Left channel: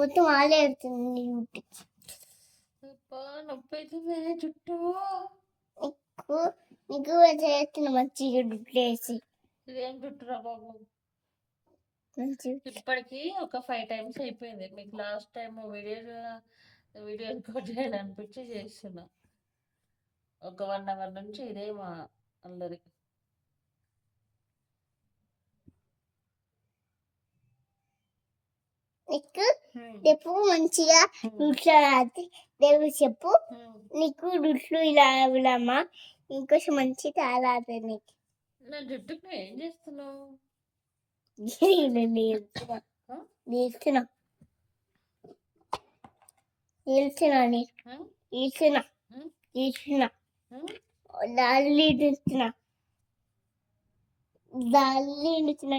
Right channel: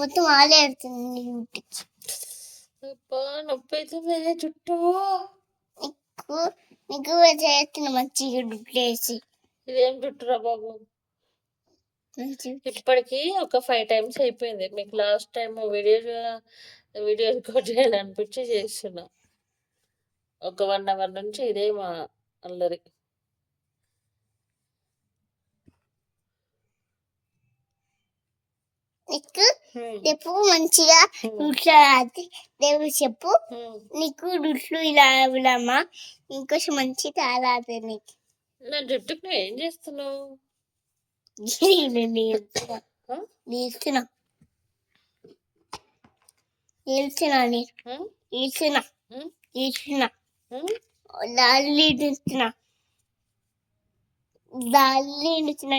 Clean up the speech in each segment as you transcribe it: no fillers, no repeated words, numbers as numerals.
మొత్తం ఆలే ఆడుతుంది నొప్పి అవుతుంది జుట్టు. నీకు చేస్తున్న మంచిగా డుట్లేసి. ఇదేం జుట్టురా బాబు, ఇప్పటికి ఒక 5 times అయిపోయింది. మీకు లాస్ట్ టైం వీడియో రికార్డ్ చేయాలనిపించి చేస్తున్నా. ఒక 1 hour నుంచి ఇదే మా అల్లరి. నీకు రేపు మంచిగా డుట్లు దేవుడు చెప్పు. నీకు డుట్లు ఇలా ఇవ్వడమ్మా ఇంకొంచెం మంచి తాళాది నీకు. నా జుట్టుకు నువ్వు ఏం చేస్తున్నావు?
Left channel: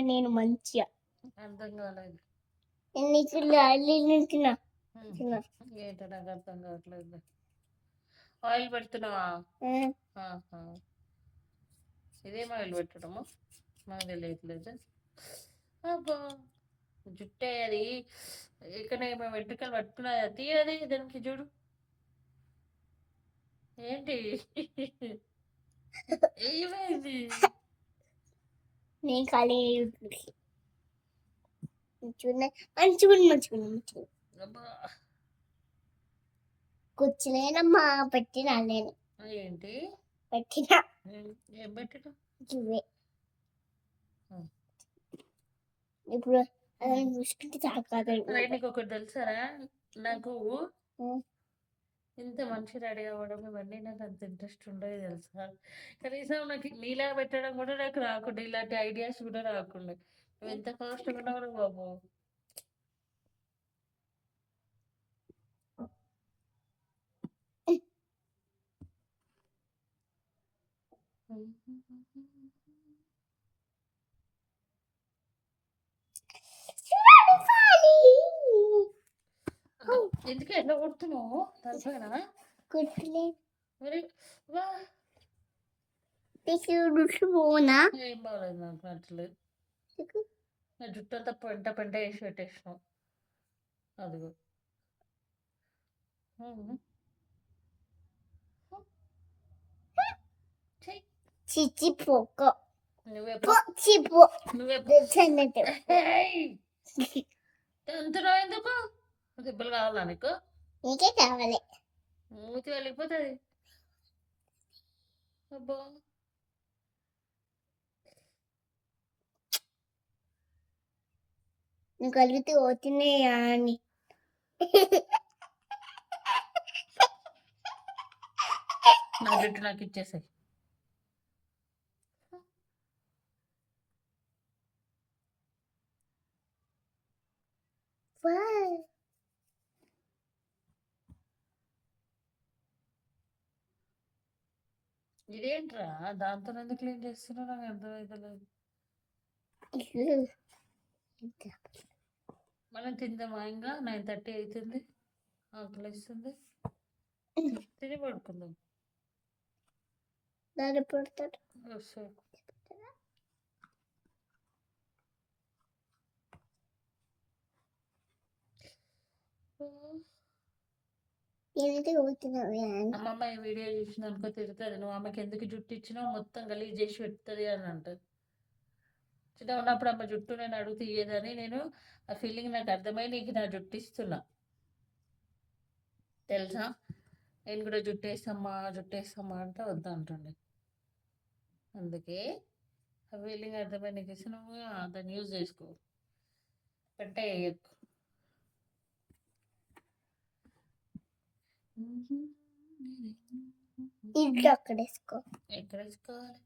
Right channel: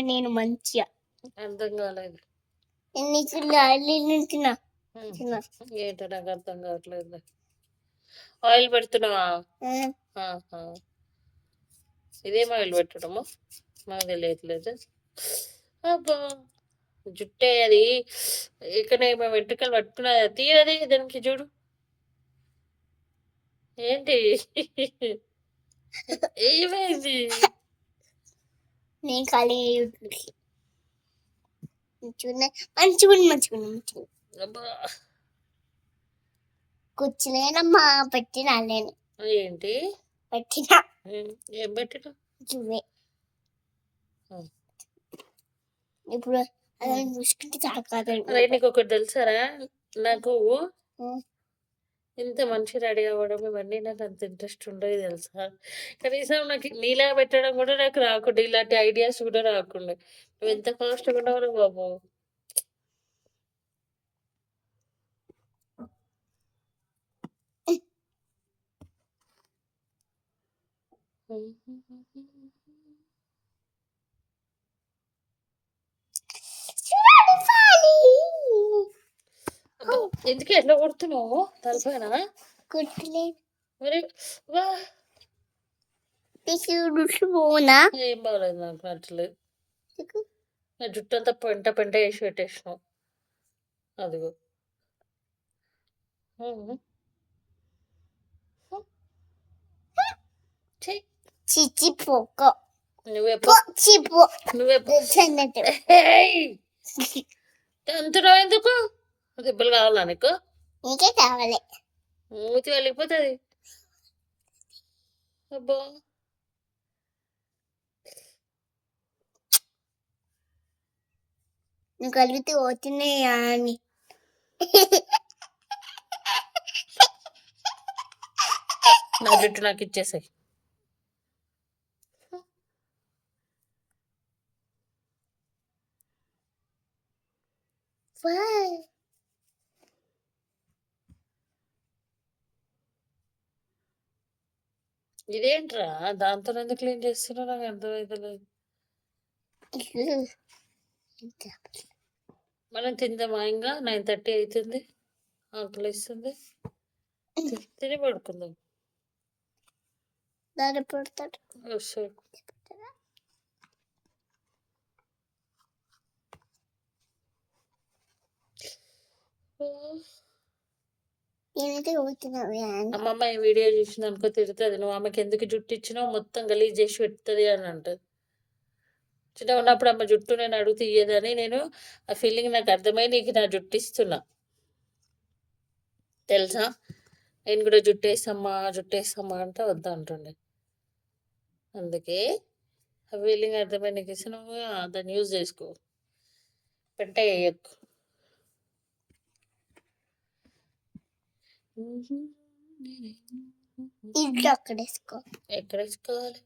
నేను మంచిగా అర్థం కాలేదు. నీకు లాలి నించున్నా ఏంటో నాకు అర్థం కావట్లేదు. ఆయిల్ పెడుతున్నావా? ఇదేం ఆయిల్ పెట్టడము నాకు తెలియట్లేదు. అబ్బా జుట్టే అది ఇక్కడ మేము వెంట్రుకలు పట్టుకున్నది తీరది. దానికి చూడు ఏంటి ఏమైంది? నేను ఖాళీ మంచిగా కూర్చునేనమ్మా పెట్టినా నేను. ఏంటి పెట్టినా? ఏం పెట్టినా? చూవే ఇప్పుడు అలా చూసుకుంటే చాలు. నీకు ఒకటి తెలుసారా, నాకు ఇంత మంచి రెడీ అవ్వడం ఇవన్నీ నాకు అంత ఇంట్రెస్ట్ ఉండదు తెలుసా. కనీసం నాకు నీలా పెట్టడం కూడా నాకు రాకుండా, ఇలాంటి ఐడియాస్ కూడా రాకుండా. నువ్వు ఎంత ఫాస్ట్గా ఉన్నావు బాబు. ఎందుకు ఎట్లా కొడుతున్నావు తలపైన? మరి పోనా ఏం బాగలేదు, నాకు నచ్చలేదు. నా జుట్టు అంతా పెంట పెంట వేసి పెట్టేసినావు. అదిగో చిచ్చిపోక అంటున్నావు ఎందుకు? దెబ్బలు కావాలా నీకు? నీకే కావాలి. మూతి వెళ్ళిపోతుంది. అబ్బా నువ్వు కలిగితే పోతున్నాయా అని. నా జుట్టు నాకు ఇచ్చేసాయి. ఇదేంట్రా దాంతో ఎందుకు క్లీన్ చేస్తున్నా నాకు అర్థమవుతలేదు. మనం తిందామా? ఇంకా 9:30 అవుతుంది, ఆకలి ఇస్తుంది. తిని పడుకుందాం. దాన్ని పడతాడు. అమ్మమ్మ ఈ వీడియో చూసింది అనుకో తిడుతుంది. నువ్వు ఆమెకి ఎందుకు జుట్టు ఇచ్చినావు, మొత్తం గలీజ్ చేసి పెడుతుంది అని అంటది. చిన్న ఉన్నప్పుడు అమ్మ జుట్టు నేను అడుగు తీయదని నేను ఆ ఫీలింగ్ నాకు అర్థమై నీకు నా జుట్టు ఇస్తున్నా తెలుసా. నేను కూడా జుట్టేసమ్మా అంటే వద్దా అంటుండే. అందుకే ఆ ఫీలింగ్ అర్థమై నీకు ఇస్తున్నావు, దాన్ని యూజ్ చేసుకో. పెట్ట వేయకు. ఎక్కడ వేసుకోవాలి?